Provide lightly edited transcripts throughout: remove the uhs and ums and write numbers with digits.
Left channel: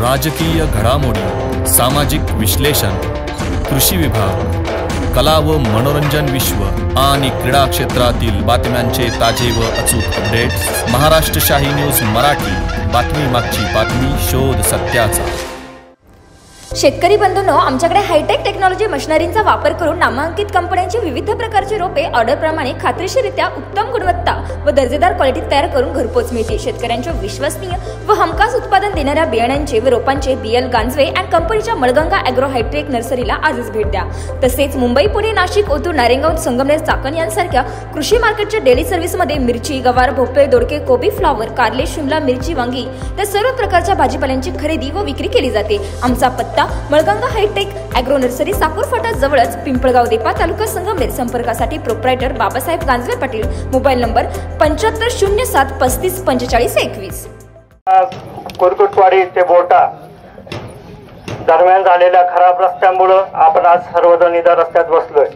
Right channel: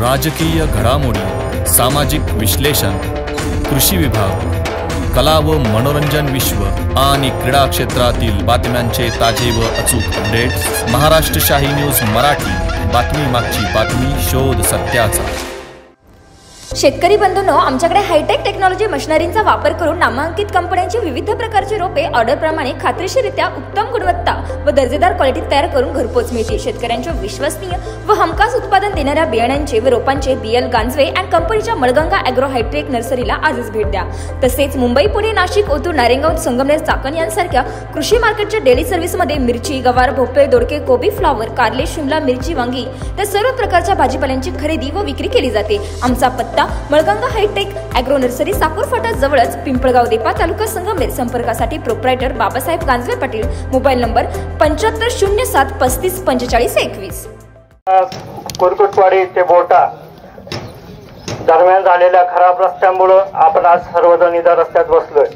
राजकीय घडामोडी, सामाजिक विश्लेषण, कृषी विभाग, कला व मनोरंजन विश्व आणि क्रीडा क्षेत्रातील बातम्यांचे ताजे व अचूक अपडेट्स महाराष्ट्र शाही न्यूज मराठी। बातमी मागची बातमी, शोध सत्याचा। शेतकरी बंधूंनो, आमच्याकडे हायटेक टेक्नॉलॉजी मशिनरींचा वापर करून नामांकित कंपन्यांची विविध प्रकारची रोपे ऑर्डरप्रमाणे खात्रीशीररित्या उत्तम गुणवत्ता व दर्जेदार क्वालिटीत तयार करून घरपोच मिळते। शेतकऱ्यांच्या विश्वसनीय व हमखास उत्पादन देणाऱ्या बियाण्यांचे व रोपांचे BL गांजवे अँड कंपनीच्या मळगंगा ॲग्रो हायटेक नर्सरीला आजच भेट द्या। तसेच मुंबई, पुणे, नाशिक, ओतूर, नारायणगाव, संगमनेर, चाकण यांसारख्या कृषी मार्केटच्या डेली सर्व्हिसमध्ये मिरची, गवार, भोपळे, दोडके, कोबी, फ्लॉवर, कारले, शिमला मिरची, वांगी त्या सर्व प्रकारच्या भाजीपाल्यांची खरेदी व विक्री केली जाते। आमचा पत्ता Malganga hi-tech agro nursery, Sakur Phata जवळच, पिंपळगाव देपा, तालुका संगमनेर। संपर्कासाठी proprietor Babasaheb Ganjave Patil, mobile number 7507 35 45 21। Kurkutwadi ते बोटा दरम्यान झालेल्या खराब रस्त्यामुळे आपण आज सर्वजण इथं रस्त्यात बसलोय।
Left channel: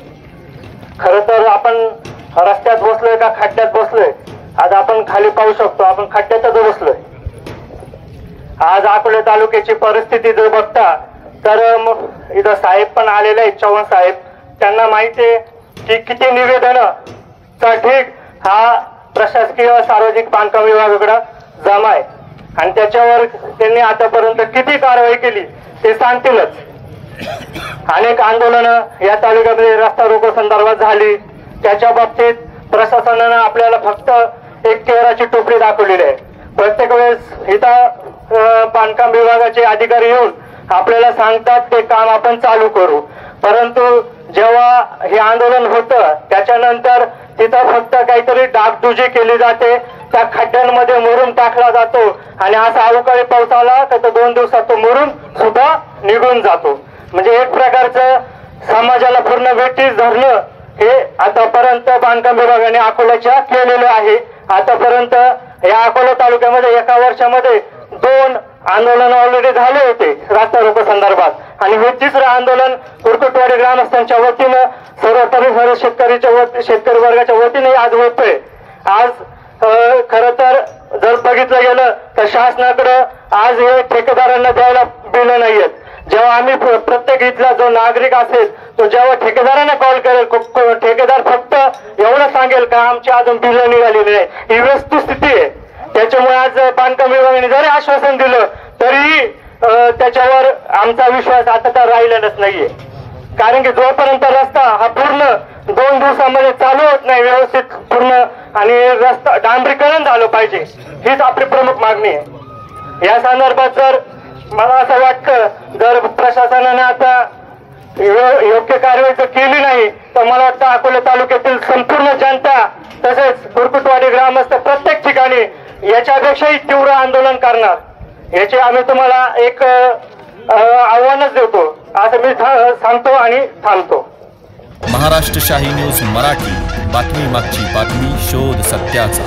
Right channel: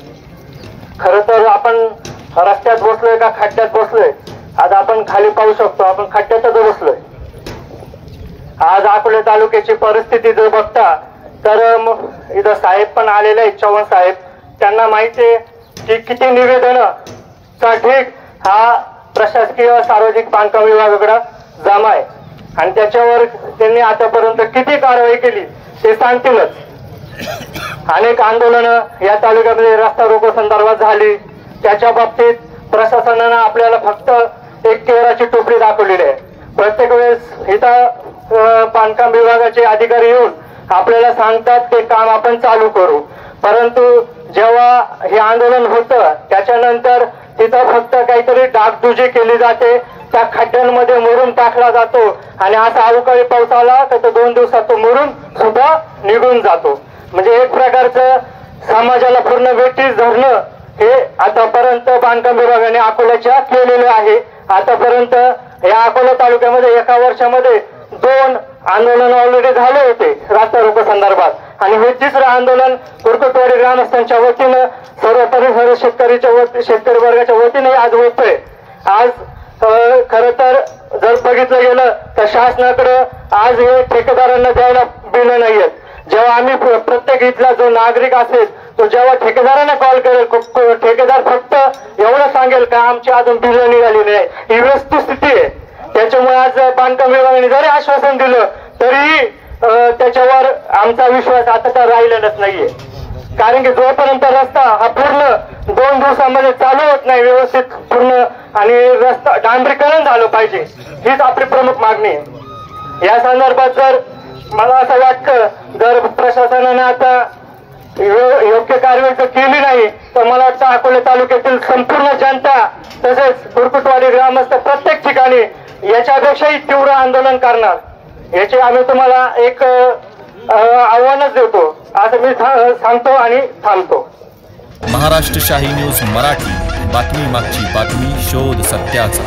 खरं तर आपण रस्त्यात बसलोय का खड्ड्यात बसलोय? आज आपण खाली पाहू शकतो, आपण खड्ड्यातच बसलोय। आज अकोले तालुक्याची परिस्थिती जर बघता तर इथं साहेब पण आलेले आहेत, चव्हाण साहेब। त्यांना माहिती आहे की किती निवेदनाचा ठीक हा प्रशासकीय सार्वजनिक बांधकाम विभागाकडे जमा आहे आणि त्याच्यावर त्यांनी आतापर्यंत किती कारवाई केली ते सांगतीलच। अनेक आंदोलनं या तालुक्यामध्ये रस्ता रोको संदर्भात झाली, त्याच्या बाबतीत प्रशासनानं आपल्याला फक्त एक चेहऱ्याची टोपली दाखवलेली आहे। प्रत्येक वेळेस इथं बांधकाम विभागाचे अधिकारी येऊन आपल्याला सांगतात ते काम आपण चालू करू, परंतु जेव्हा हे आंदोलन होतं त्याच्यानंतर तिथं फक्त काहीतरी डागडुजी केली जाते, त्या खड्ड्यांमध्ये मुरुम टाकला जातो आणि असा अवकाळी पाऊस आला तर 2 दिवसात तो मुरुम सुद्धा निघून जातो। म्हणजे एक प्रकारचं समाजाला पूर्ण वेठीस धरणं हे आतापर्यंत बांधकाम विभागाने अकोल्याच्या केलेलं आहे। आतापर्यंत या अकोला तालुक्यामध्ये एका वर्षामध्ये 2 आंदोलन ऑलरेडी झाले होते रस्ता रोको संदर्भात आणि हे तिसरं आंदोलन कुरकुटवाडी ग्रामस्थांच्या वतीनं सर्व शेतकरी वर्गाच्या वतीने आज होतोय। आज खरं तर जर बघितलं गेलं तर शासनाकडे आज हे ठेकेदारांना द्यायला बिलं नाहीयेत। जेव्हा आम्ही प्रत्येक इथला जो नागरिक असेल तो जेव्हा ठेकेदारांना कॉल करेल, ठेकेदार फक्त एवढं सांगेल का आमची अजून बिलं निघालेली नाही, ही वस्तुस्थिती आहे। त्याच्यामुळे आज बांधकाम विभागाने जरी आश्वासन दिलं तरी त्याच्यावर आमचा विश्वास आता तर राहिलेलाच नाहीये, कारण की जोपर्यंत रस्ता हा पूर्ण 2 दिवसामध्ये चालू होत नाही व्यवस्थित पूर्ण आणि रस्ता डांबरीकरण झालं पाहिजे, हीच आपली प्रमुख मागणी आहे। या संदर्भात जर मला असं वाटतं जर प्रशासनाने आता योग्य कारवाई जर केली नाही तर मला वाटतं अकोले तालुक्यातील संपूर्ण जनता तसेच कुरकुटवाडी ग्रामस्थ प्रत्येक ठिकाणी याच्यापेक्षाही तीव्र आंदोलन करणार, याचे आम्ही तुम्हाला एक आव्हानच देतो असं मी सांगतो आणि थांबतो। महाराष्ट्र शाही न्यूज मराठी, बातमी मागची बातमी, शोध सत्याचा।